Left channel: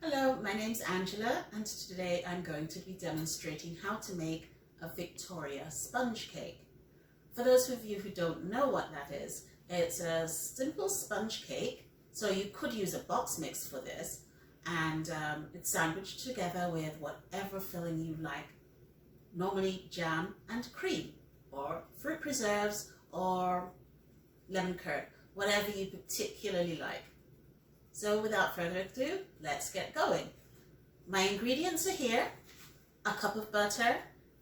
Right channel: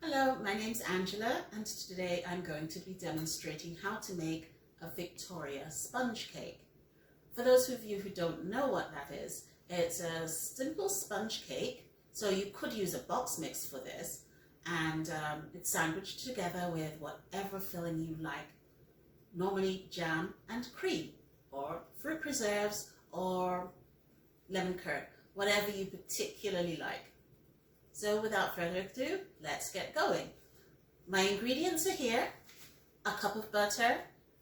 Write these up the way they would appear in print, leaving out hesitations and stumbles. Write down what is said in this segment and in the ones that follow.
Hello, my name's Angela and today I'm going to be demonstrating how to make a Victoria sponge cake. For those of you who don't know what that is, it's a simple sponge cake, so you could use a box mix for this, and it's sandwiched together with whatever filling you like, normally jam and cream or fruit preserves or lemon curd, whatever you particularly like. So without further ado, let's get going. My ingredients are here: a cup of butter,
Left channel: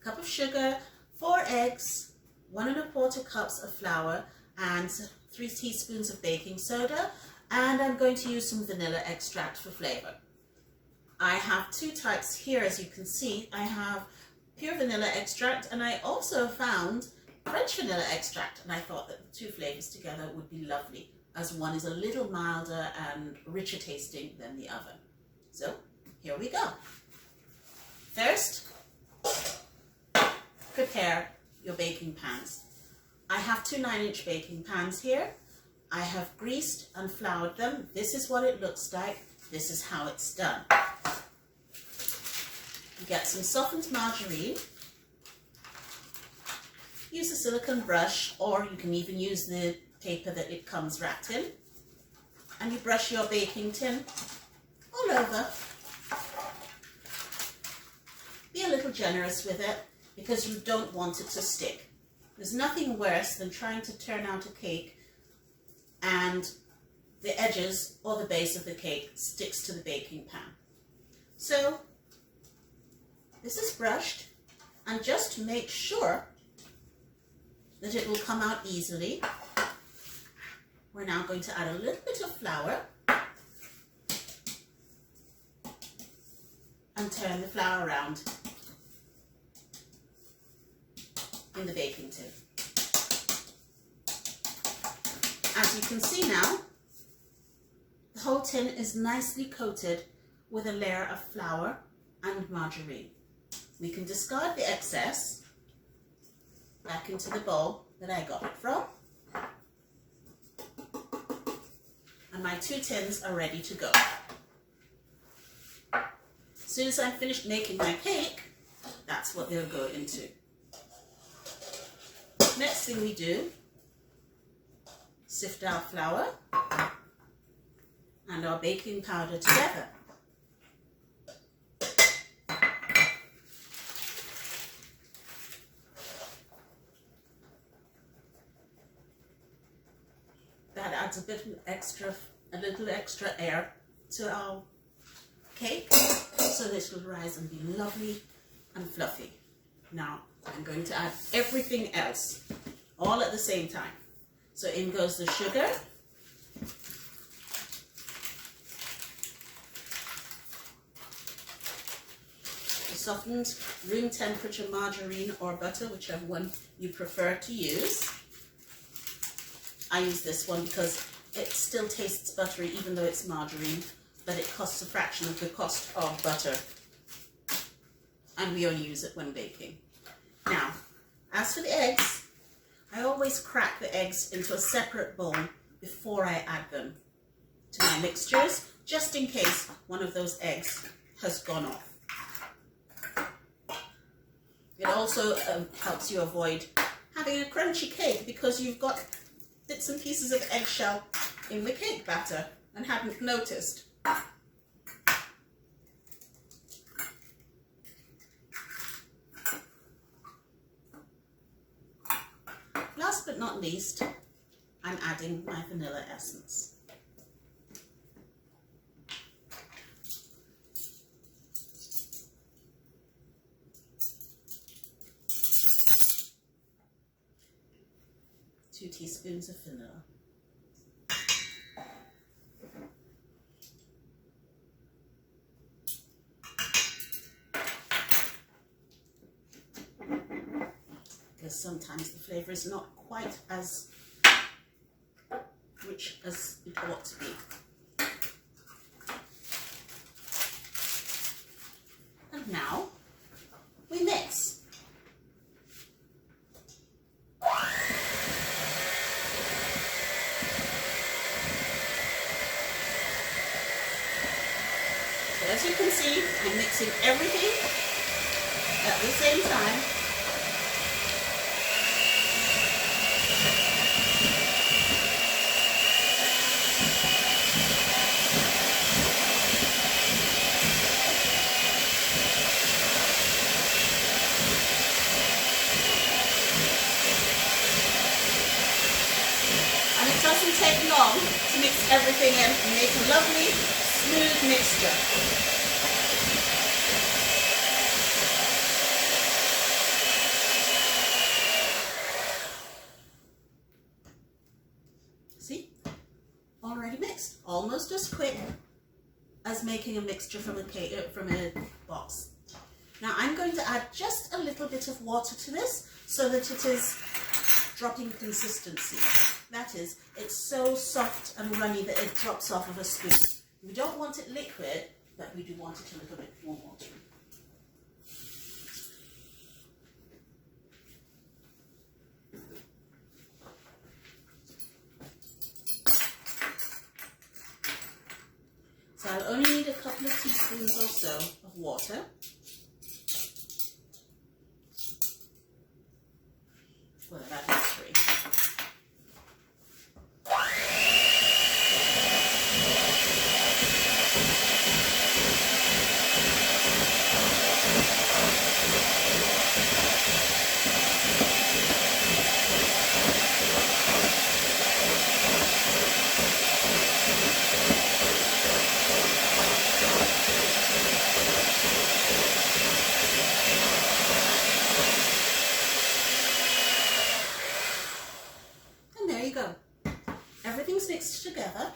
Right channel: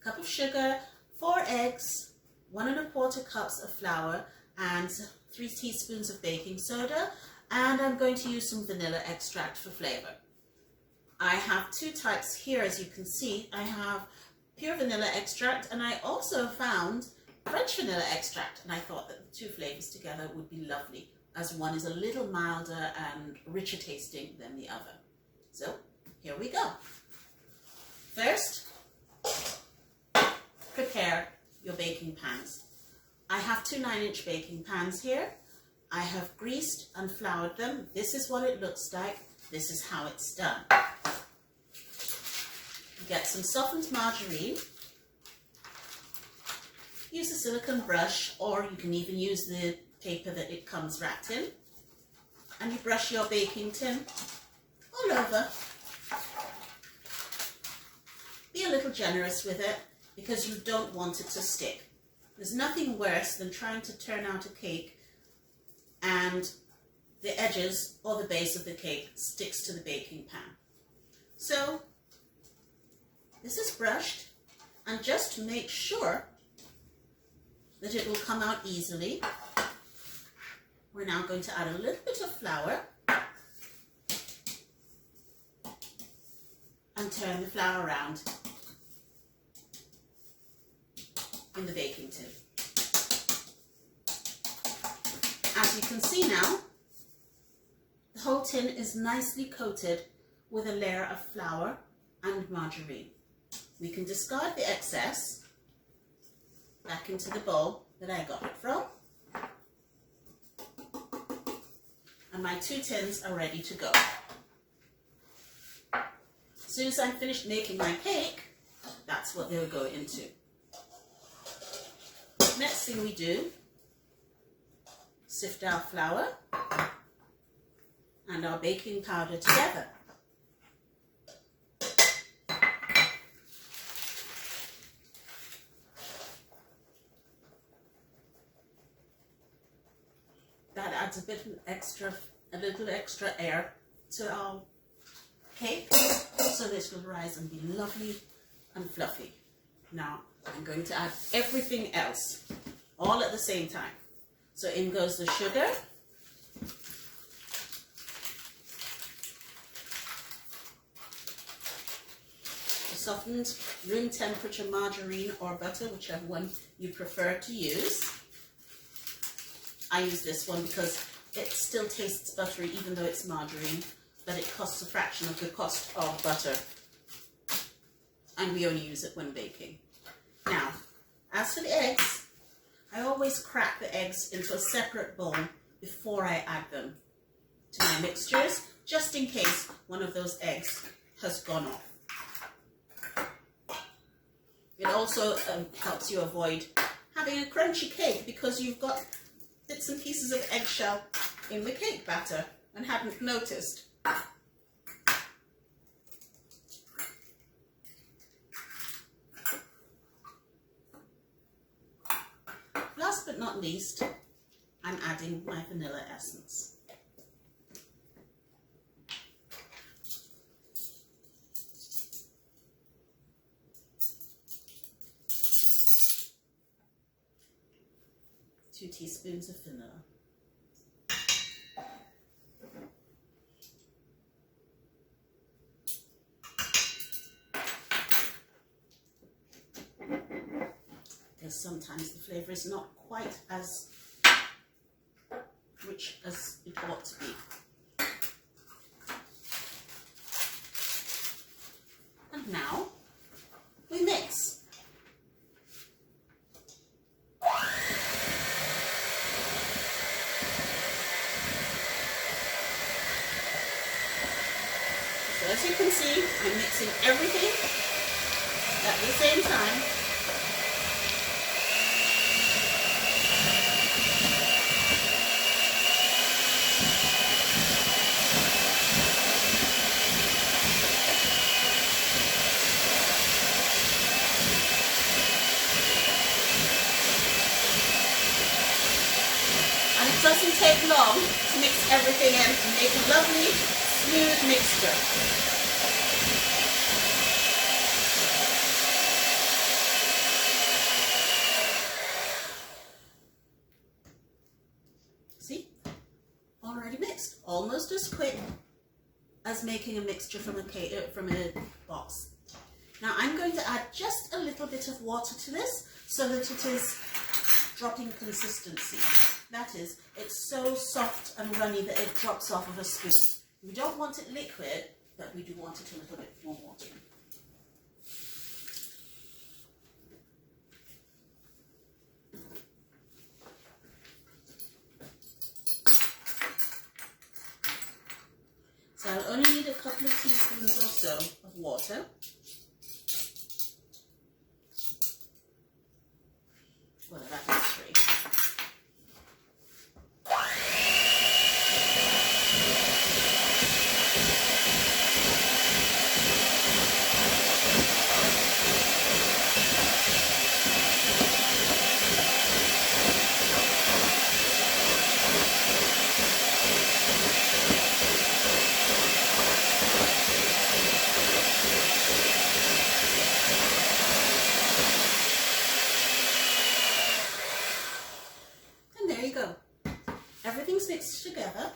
a cup of sugar, 4 eggs, 1 1/4 cups of flour, and 3 teaspoons of baking soda, and I'm going to use some vanilla extract for flavor. I have 2 types here, as you can see. I have pure vanilla extract, and I also found French vanilla extract, and I thought that the 2 flavors together would be lovely, as one is a little milder and richer tasting than the other. So here we go. First, prepare your baking pans. I have 2 9-inch baking pans here. I have greased and floured them. This is what it looks like. This is how it's done. You get some softened margarine. Use a silicone brush, or you can even use the paper that it comes wrapped in, and you brush your baking tin all over. Be a little generous with it because you don't want it to stick. There's nothing worse than trying to turn out a cake and the edges or the base of the cake sticks to the baking pan. So this is brushed, and just to make sure that it will come out easily, we're now going to add a little bit of flour and turn the flour around in the baking tin. As you can see now, the whole tin is nicely coated with a layer of flour and margarine. We can discard the excess back into the bowl that I got it from. And my 2 tins are ready to go. As soon as I'm finished making my cake, that's what they'll go into. Next thing we do, sift our flour and our baking powder together. That adds a little extra air to our cake, so this will rise and be lovely and fluffy. Now I'm going to add everything else, all at the same time. So in goes the sugar, the softened room temperature margarine or butter, whichever one you prefer to use. I use this one because it still tastes buttery even though it's margarine, but it costs a fraction of the cost of butter, and we only use it when baking. Now, as for the eggs, I always crack the eggs into a separate bowl before I add them to my mixtures, just in case one of those eggs has gone off. It also helps you avoid having a crunchy cake because you've got bits and pieces of eggshell in the cake batter and hadn't noticed. Last but not least, I'm adding my vanilla essence. Two teaspoons of vanilla. Because sometimes the flavour is not quite as rich as it ought to be. And now we mix. So as you can see, I'm mixing everything at the same time. And it doesn't take long to mix everything in and make a lovely, smooth mixture. See? Already mixed. Almost as quick as making a mixture from a box. Now I'm going to add just a little bit of water to this so that it is dropping consistency. That is, it's so soft and runny that it drops off of a spoon. We don't want it liquid, but we do want it a little bit more watery. So I'll only need a couple of teaspoons or so of water. Well, that is 3. Go. Everything's mixed together.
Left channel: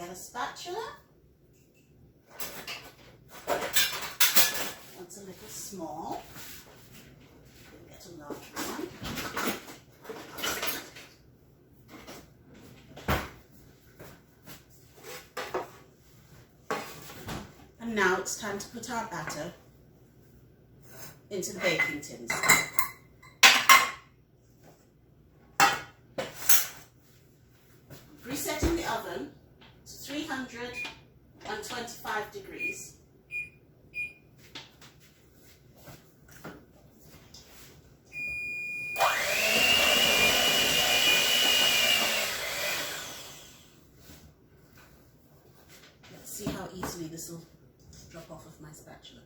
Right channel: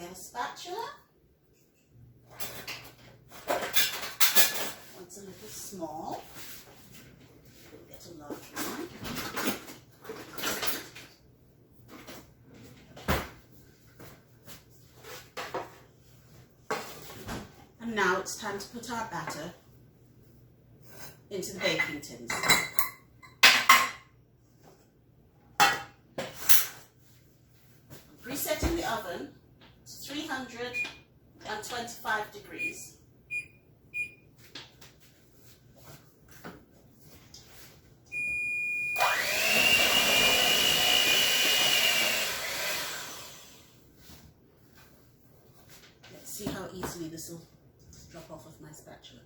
Get a spatula. One's a little small. Get a large one. And now it's time to put our batter into the baking tins. Resetting the oven to 325 degrees. Let's see how easily this will drop off of my spatula.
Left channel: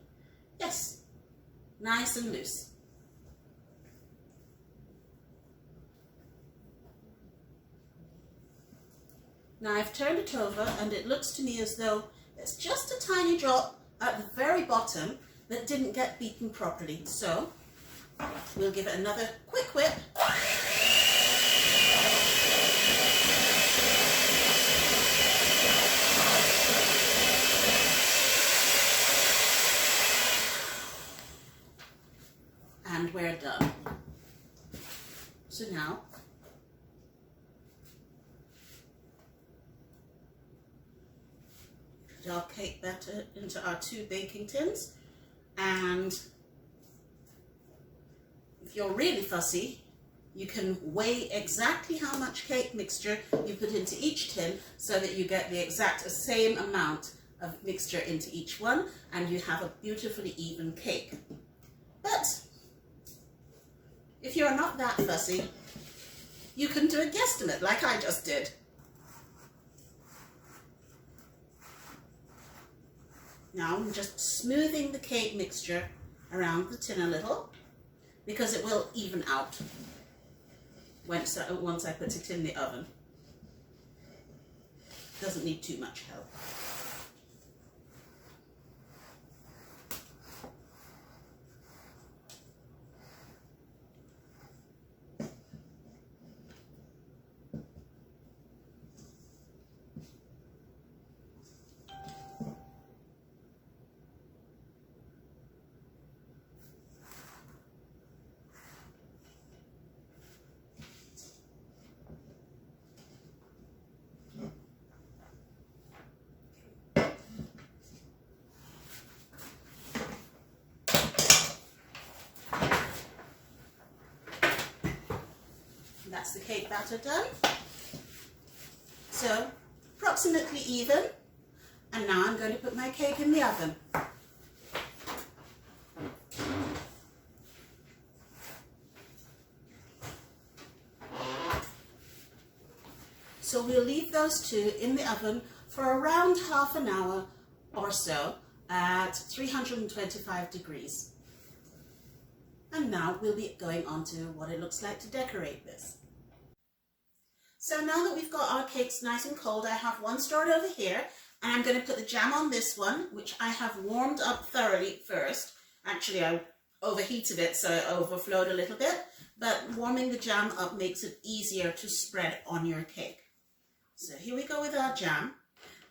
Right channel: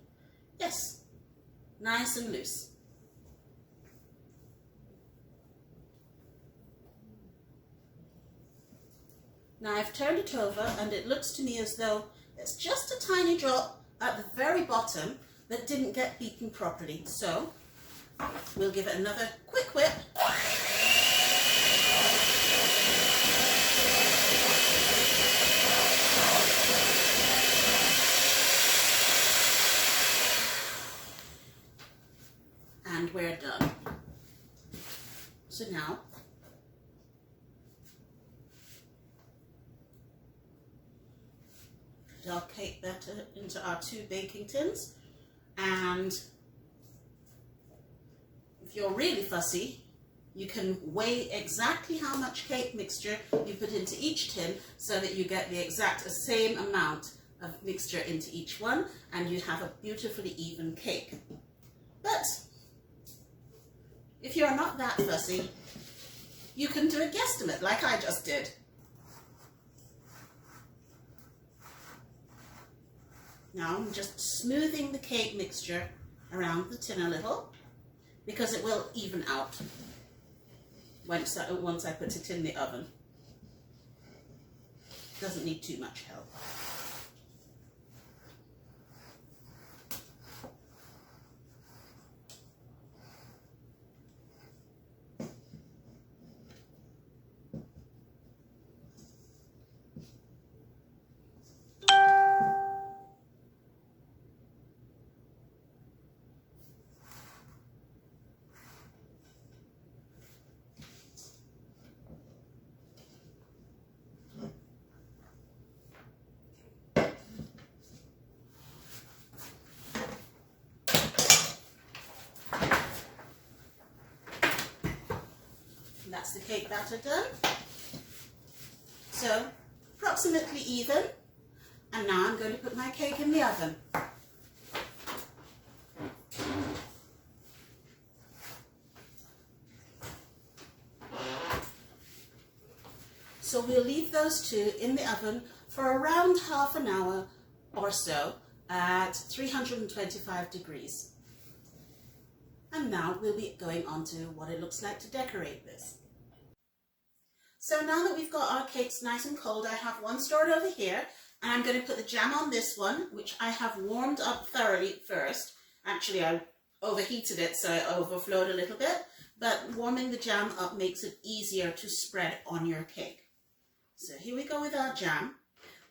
Yes, nice and loose. Now I've turned it over and it looks to me as though there's just a tiny drop at the very bottom that didn't get beaten properly. So we'll give it another quick whip. And we're done. So now our cake batter into our 2 baking tins, and if you're really fussy you can weigh exactly how much cake mixture you put into each tin so that you get the exact same amount of mixture into each one and you have a beautifully even cake. But if you're not that fussy, you can do a guesstimate like I just did. Now I'm just smoothing the cake mixture around the tin a little because it will even out once I put it in the oven. Doesn't need too much help. That's the cake batter done. So approximately even. And now I'm going to put my cake in the oven. So we'll leave those two in the oven for around half an hour or so at 325 degrees. And now we'll be going on to what it looks like to decorate this. So now that we've got our cakes nice and cold, I have one stored over here, and I'm going to put the jam on this one, which I have warmed up thoroughly first. Actually, I overheated it, so it overflowed a little bit, but warming the jam up makes it easier to spread on your cake. So here we go with our jam.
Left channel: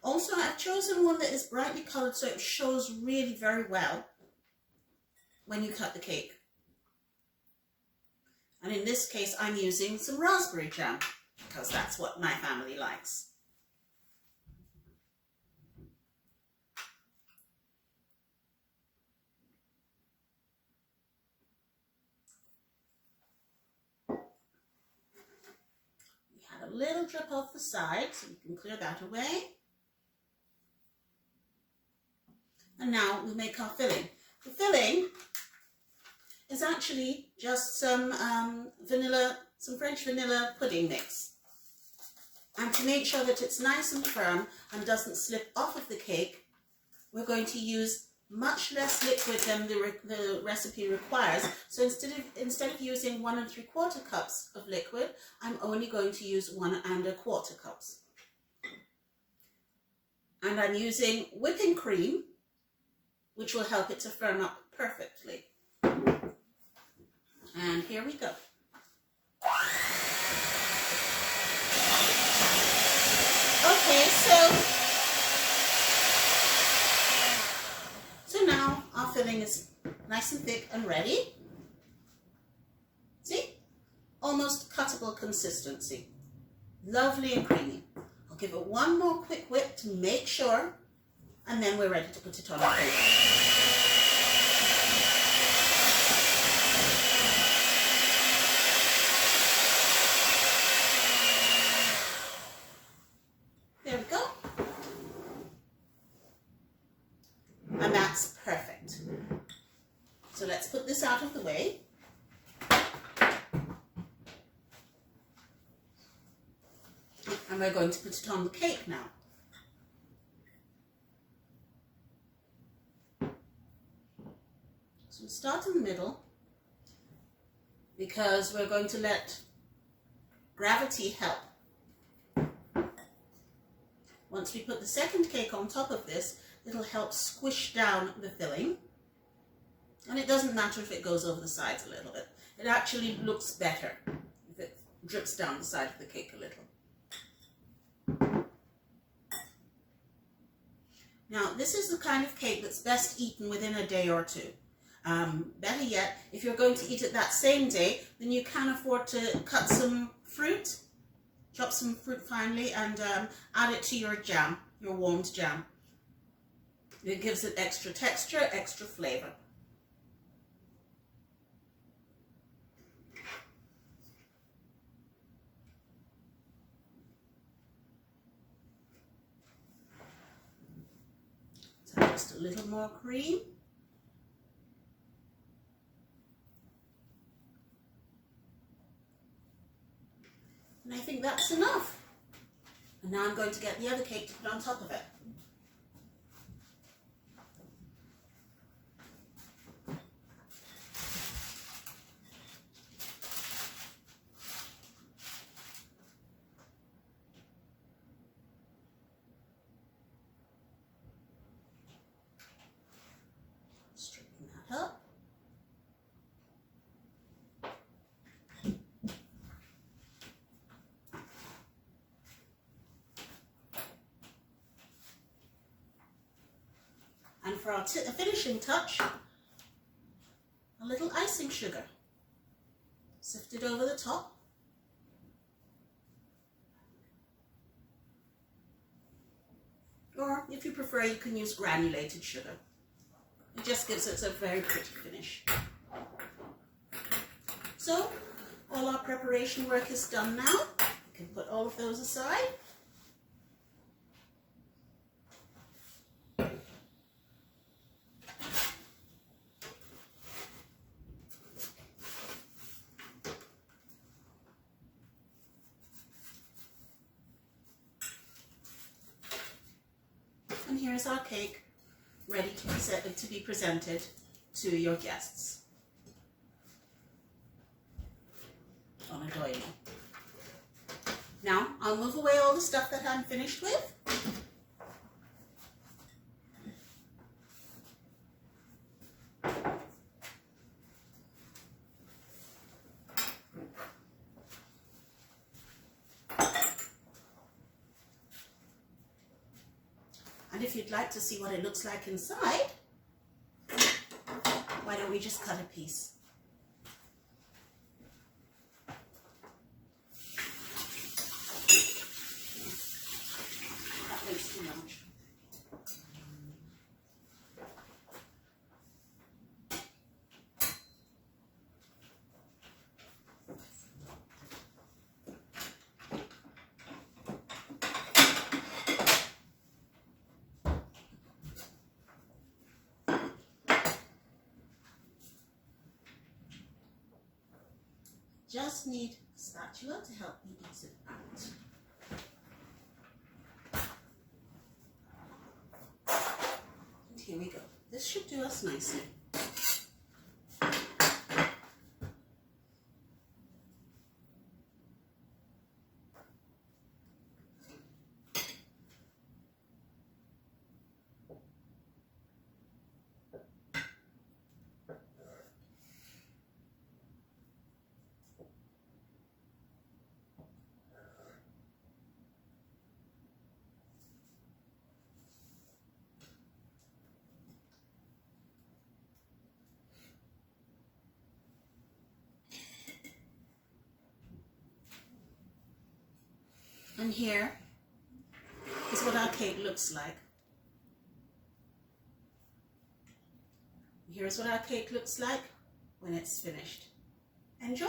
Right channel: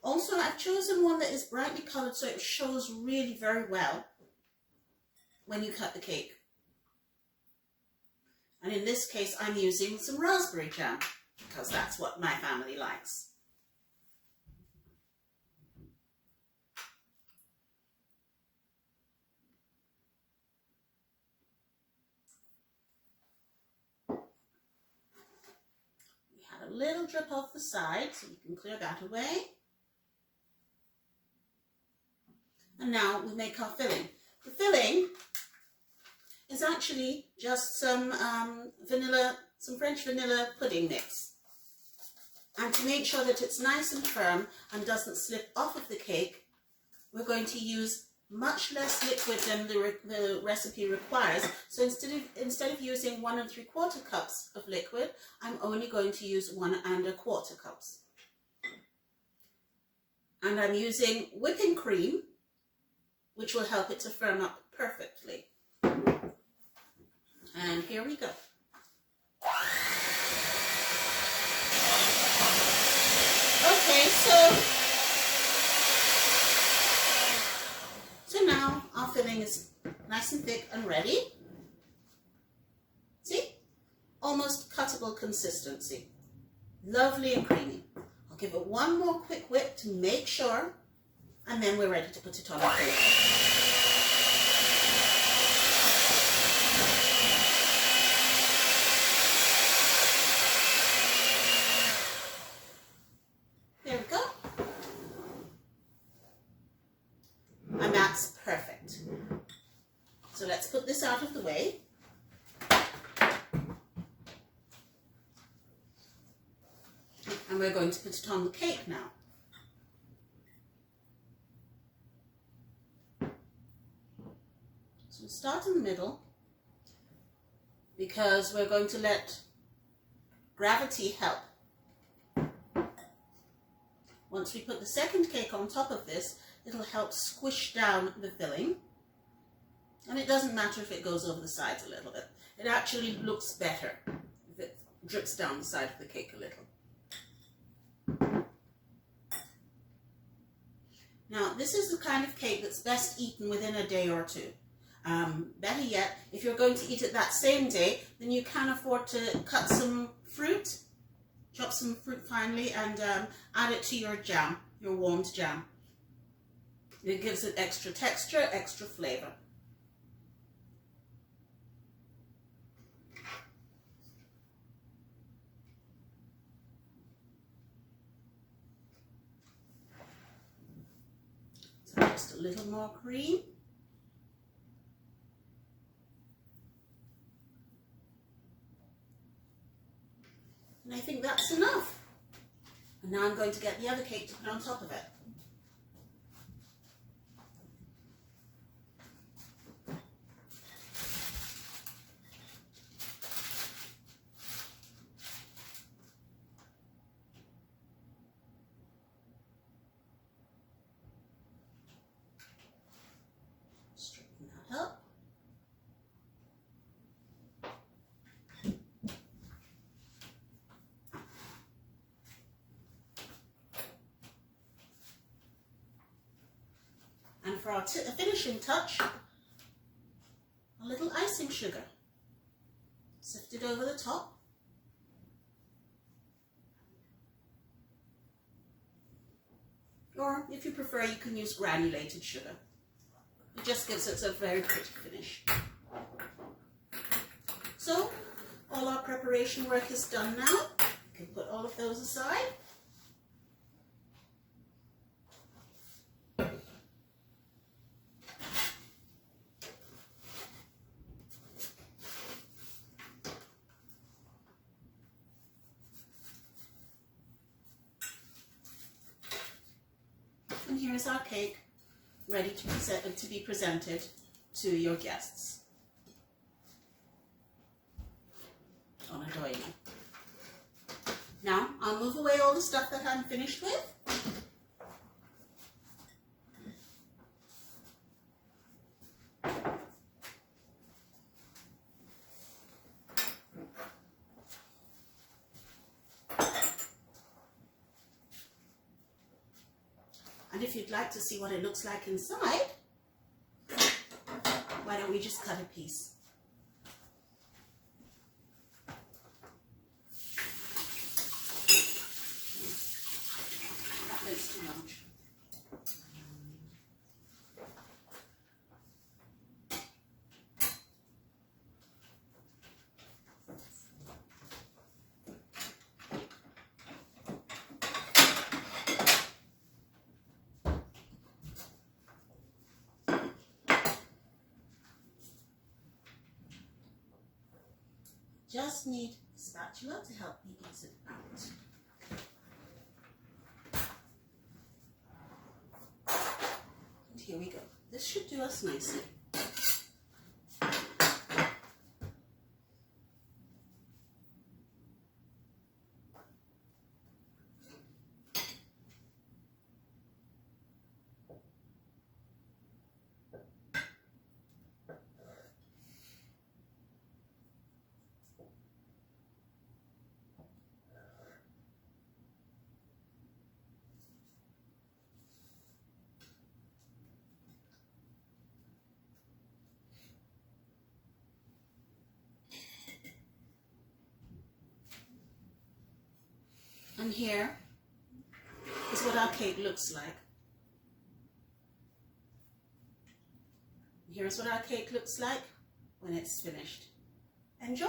Also, I've chosen one that is brightly coloured so it shows really very well when you cut the cake. And in this case, I'm using some raspberry jam because that's what my family likes. We had a little drip off the side, so we can clear that away. And now we make our filling. The filling is actually just some French vanilla pudding mix. And to make sure that it's nice and firm and doesn't slip off of the cake, we're going to use much less liquid than the recipe requires. So instead of using 1 3/4 cups of liquid, I'm only going to use 1 1/4 cups. And I'm using whipping cream, which will help it to firm up perfectly. And here we go. Okay, so now our filling is nice and thick and ready. See? Almost cuttable consistency. Lovely and creamy. I'll give it one more quick whip to make sure, and then we're ready to put it on our plate. There we go. And that's perfect. So let's put this out of the way. And we're going to put it on the cake now. So we'll start in the middle because we're going to let gravity help. Once we put the second cake on top of this, it'll help squish down the filling. And it doesn't matter if it goes over the sides a little bit. It actually looks better if it drips down the side of the cake a little. Now, this is the kind of cake that's best eaten within a day or two. Better yet, if you're going to eat it that same day, then you can afford to cut some fruit, chop some fruit finely, and add it to your jam, your warmed jam. It gives it extra texture, extra flavor. So just a little more cream. And I think that's enough. And now I'm going to get the other cake to put on top of it. Straighten that up. And for our finishing touch, a little icing sugar. Sifted over the top. Or if you prefer, you can use granulated sugar. It just gives it a very pretty finish. So, all our preparation work is done now. You can put all of those aside. And here's our cake ready to be presented to your guests on a doily. Now I'll move away all the stuff that I'm finished with. And if you'd like to see what it looks like inside, why don't we just cut a piece? That looks too much. Just need a spatula to help me ease it out. And here we go. This should do us nicely. And here is what our cake looks like. Here's what our cake looks like when it's finished. Enjoy!